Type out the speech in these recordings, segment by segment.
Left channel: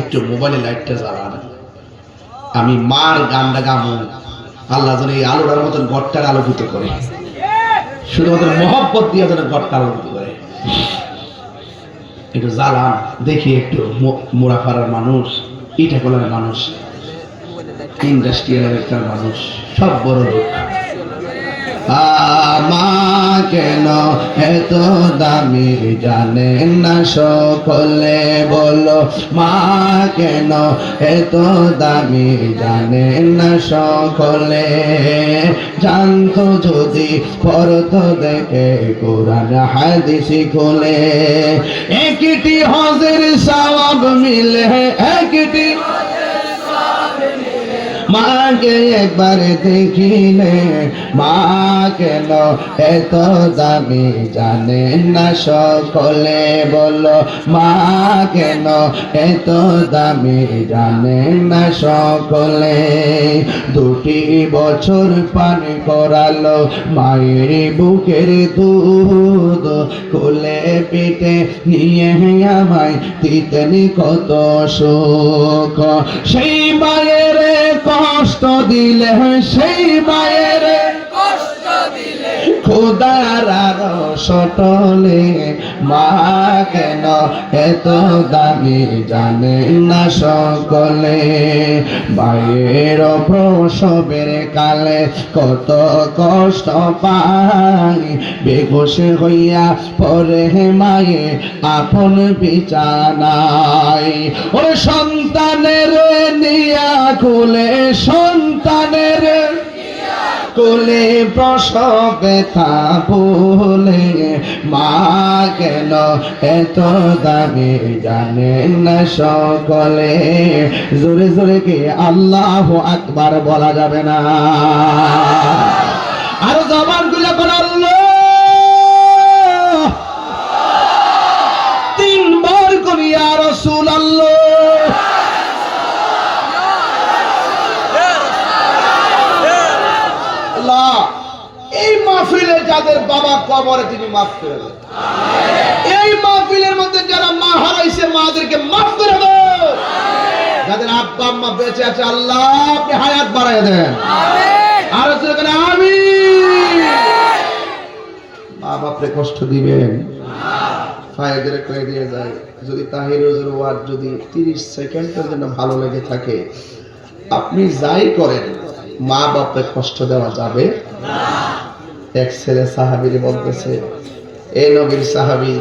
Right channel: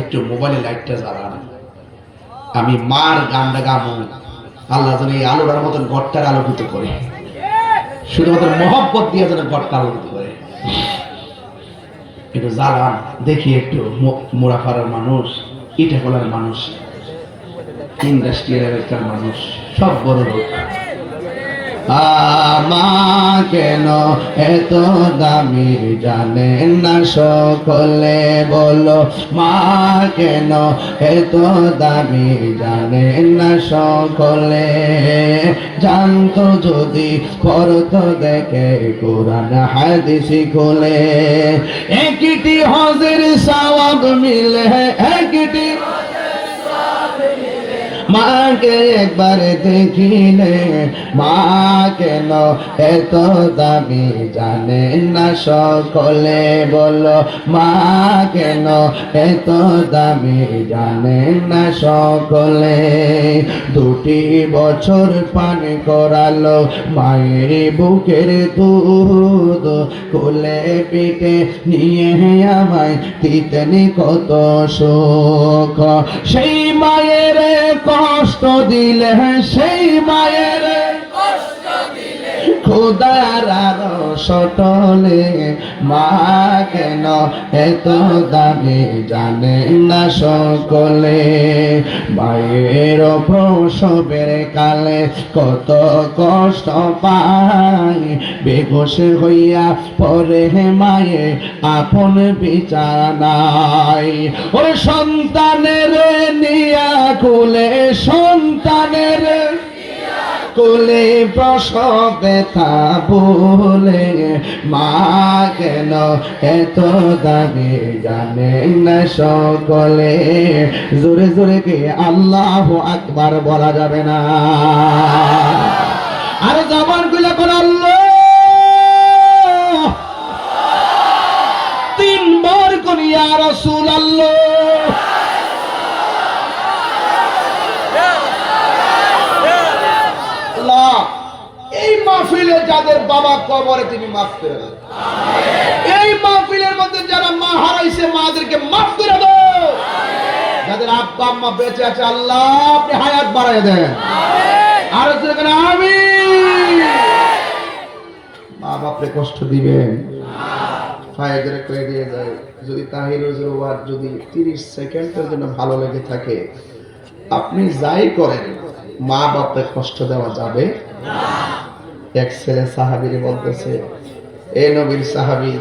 একটু মোবাইলে লাইটটা জ্বালান, আমি মার গানটা গামো, আল্লাহ যেন এই আলোটার মতন ঘরটার আলোকিত করে, শুধুমাত্র মহব্বত দিয়ে যেন ঘরটা আলোকিত করে। একটু জ্বালান দেখি, একটু মোরাফাড়ার মানুষ, ইটাখোলার মানুষ, ইন্ডাস্ট্রিয়াল এলাকার মানুষ, সব বড় লোক। মা কেন এত দামি জানেন না সকলে, বলো মা কেন এত দামি জানেন না সকলে। জানতো যদি পড়তো দেখে কোরআন হাদিস খুলে, একটি হজের সওয়াব মিলে, একটি মাকে একবার দেখিলে। মা কেন এত দামি জানেন না সকলে, বলো মা কেন এত দামি জানেন না সকলে। 2 বছর পান করালো মায়ের বুকের দুধ, কোলে পিঠে নিয়ে আমায় দিতেন কত সুখ। সেই মায়ের কষ্ট দিলে, সেই মায়ের কষ্ট দিলে খোদার সটলে। মা কেন এত দামি জানেন না সকলে। মায়ের প্রসবের কালে কত কষ্ট পাই, বেঘোষ হইয়া পরে মায়ে আপন বিছানায়। ওর সন্তানের নিয়া কোলে, সন্তানের কোলে প্রসব ব্যথা বলে। মা কেন এত দামি জানেন না সকলে। জোরে জোরে কি আল্লাহু আকবার বলা যাবে না? আর জবান গুলো কোন আল্লাহ, 3 বার কোন ইয়া রাসূলুল্লাহ। এই মাহফিলে যাদের বাবা কবরে তিনি মাফ করে দেন, এই মাহফিলের মধ্যে যারা মা হারাইছে মাদেরকে মাফ করে দাও, যাদের আব্বা আম্মা বেঁচে আছে আল্লাহ আপনি হায়াত বাড়ায় দেন। আর সেখানে আমি মা বাপরে কষ্ট দিবেন, ফায়দের কয়ে দিয়ে যায়। যদি তাহির ওয়াজ যদি 30 সেকেন্ডের জন্য ভালো লেগে থাকে, আপনি যাই করেন মা বাপরে কষ্ট দেওয়া যাবে না। এক ছেলে সাহাবীরে বলতেছে, এ নবীর সাহাবী,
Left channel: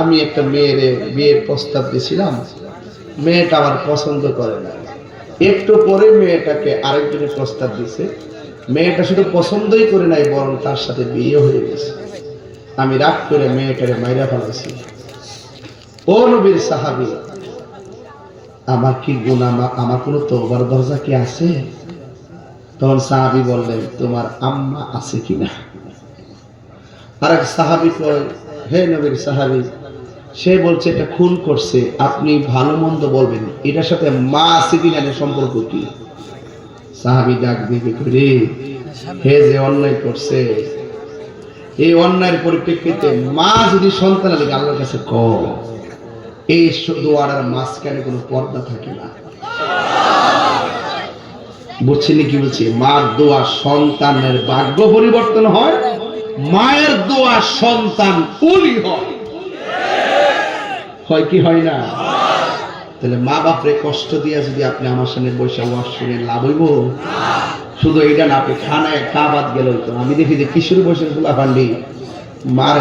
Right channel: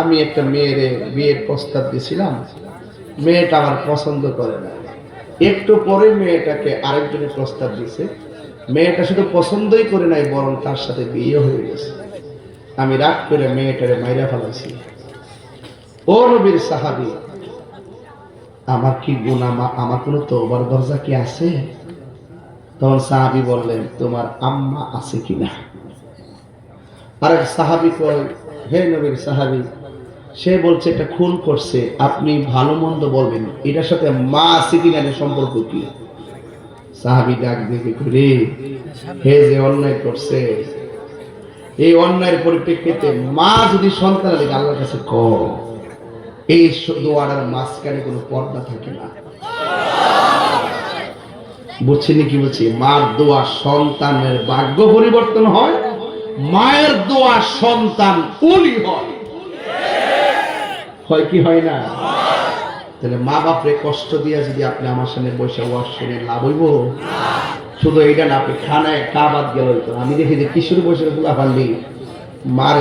আমি একটা মেয়ের বিয়ের প্রস্তাব দিয়েছিলাম, মেয়েটা আমার পছন্দ করে না। একটু পরে মেয়েটাকে আরেকজনের প্রস্তাব দিয়েছে, মেয়েটা শুধু পছন্দই করে নাই বরং তার সাথে বিয়ে হয়ে গেছে। আমি রাগ করে মেয়েটারে মাইরা ফেলাইছি। ও নবীর সাহাবী, আমার কি গুনাহ, আমার কোনো তওবার দরজা কি আছে? তখন সাহাবী বললেন, তোমার আম্মা আছে কিনা? আরেক সাহাবী কয়, হে নবীর সাহাবী, সে বলছে এটা খুন করছে, আপনি ভালো মন্দ বলবেন, এটার সাথে মা আছে কিনা এর সম্পর্ক কি? সাহাবী ডাক দিয়ে করে, হে যে অন্যায় করছে, এই অন্যায়ের পরিপ্রেক্ষিতে মা যদি সন্তান লাগে আল্লাহর কাছে কর, এই দোয়ার মাঝখানে কোনো পর্দা থাকে না। বুঝছেন কি বলছি? মার দোয়া সন্তানের ভাগ্য পরিবর্তন হয়, মায়ের দোয়া সন্তান উলি হয়। হয় কি হয় না? তাহলে মা বাপরে কষ্ট দিয়া যদি আপনি আমার সামনে বসে ওয়াজ শুনে লাভ হইব? শুধু এইটা না, আপনি খানায় খা বাদ গেল। আমি দেখি যে কিশোর বয়সের গুলা পারলি মার